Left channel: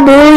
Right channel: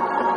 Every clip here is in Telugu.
Bible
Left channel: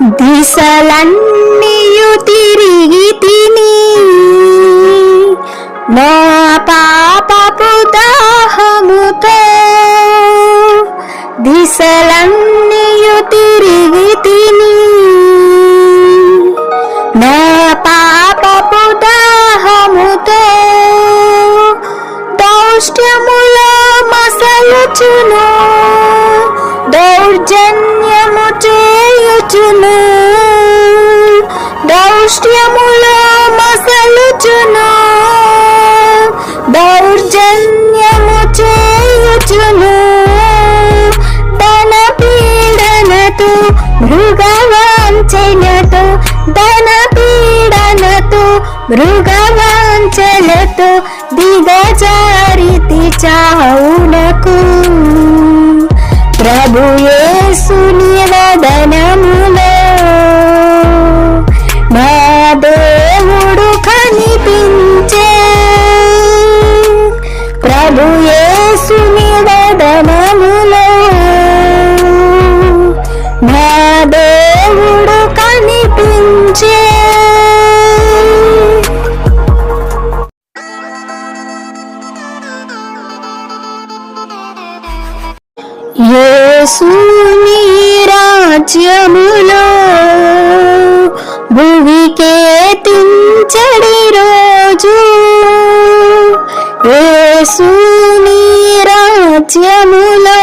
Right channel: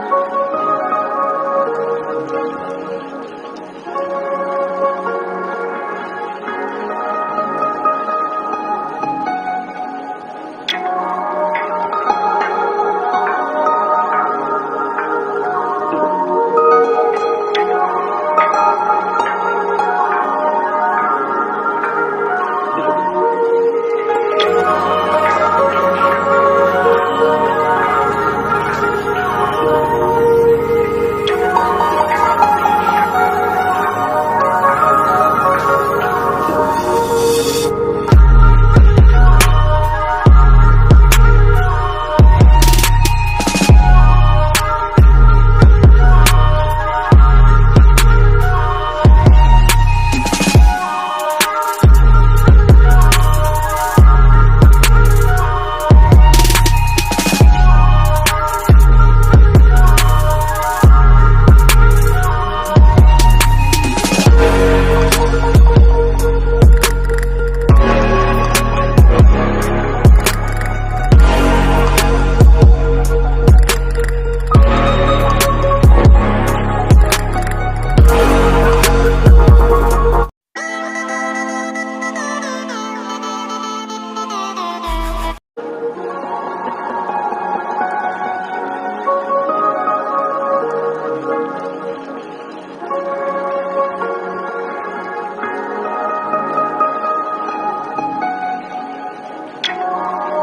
దిశలన్నీయు తిరిగి తిని నా పాపపు దాహముతో దిశలన్నీయు తిరిగి తిని నా పాపపు దాహముతో దౌష్ట్యములో మసలుచును. 주는 ప్రభువికే తించడి రోజు. యేసుని రాజ్యములో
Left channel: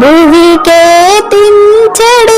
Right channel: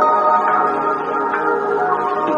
భువికే తించడి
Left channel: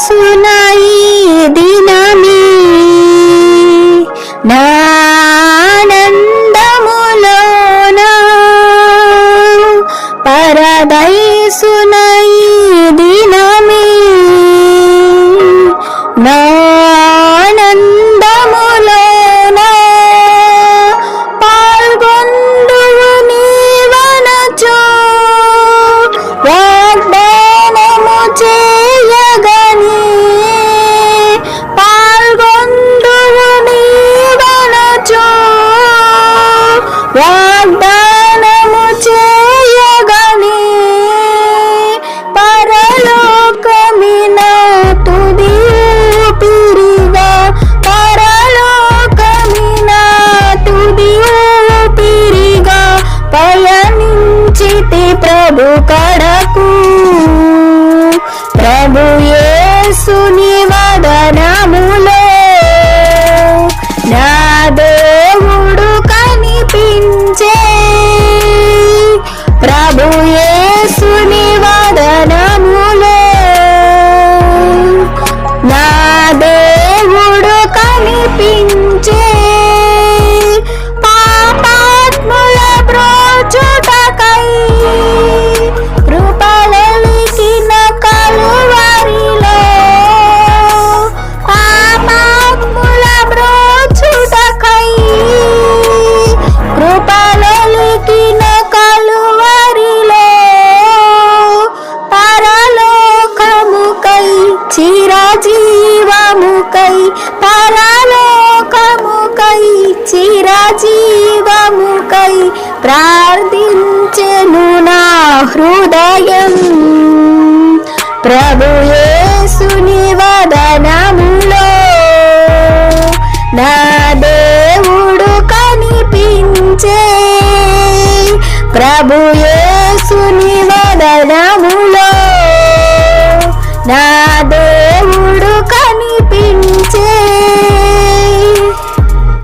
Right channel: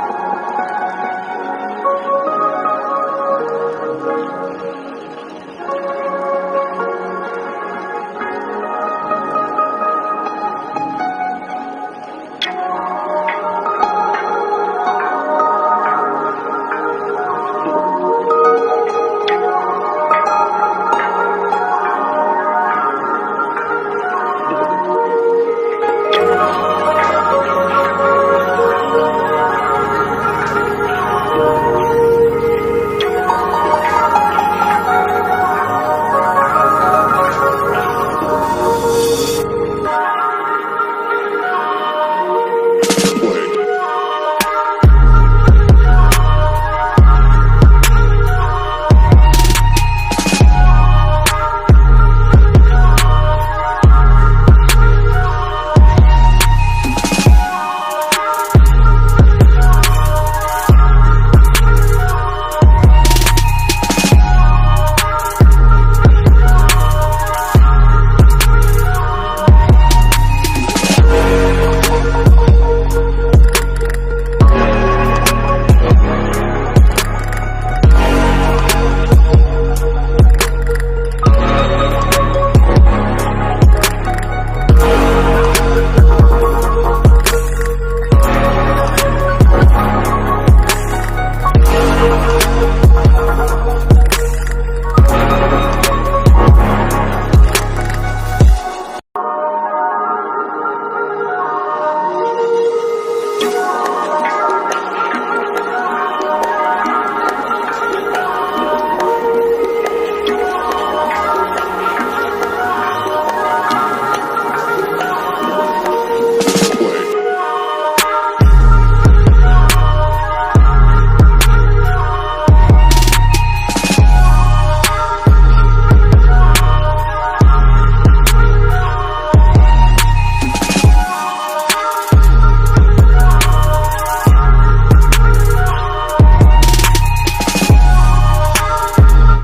しない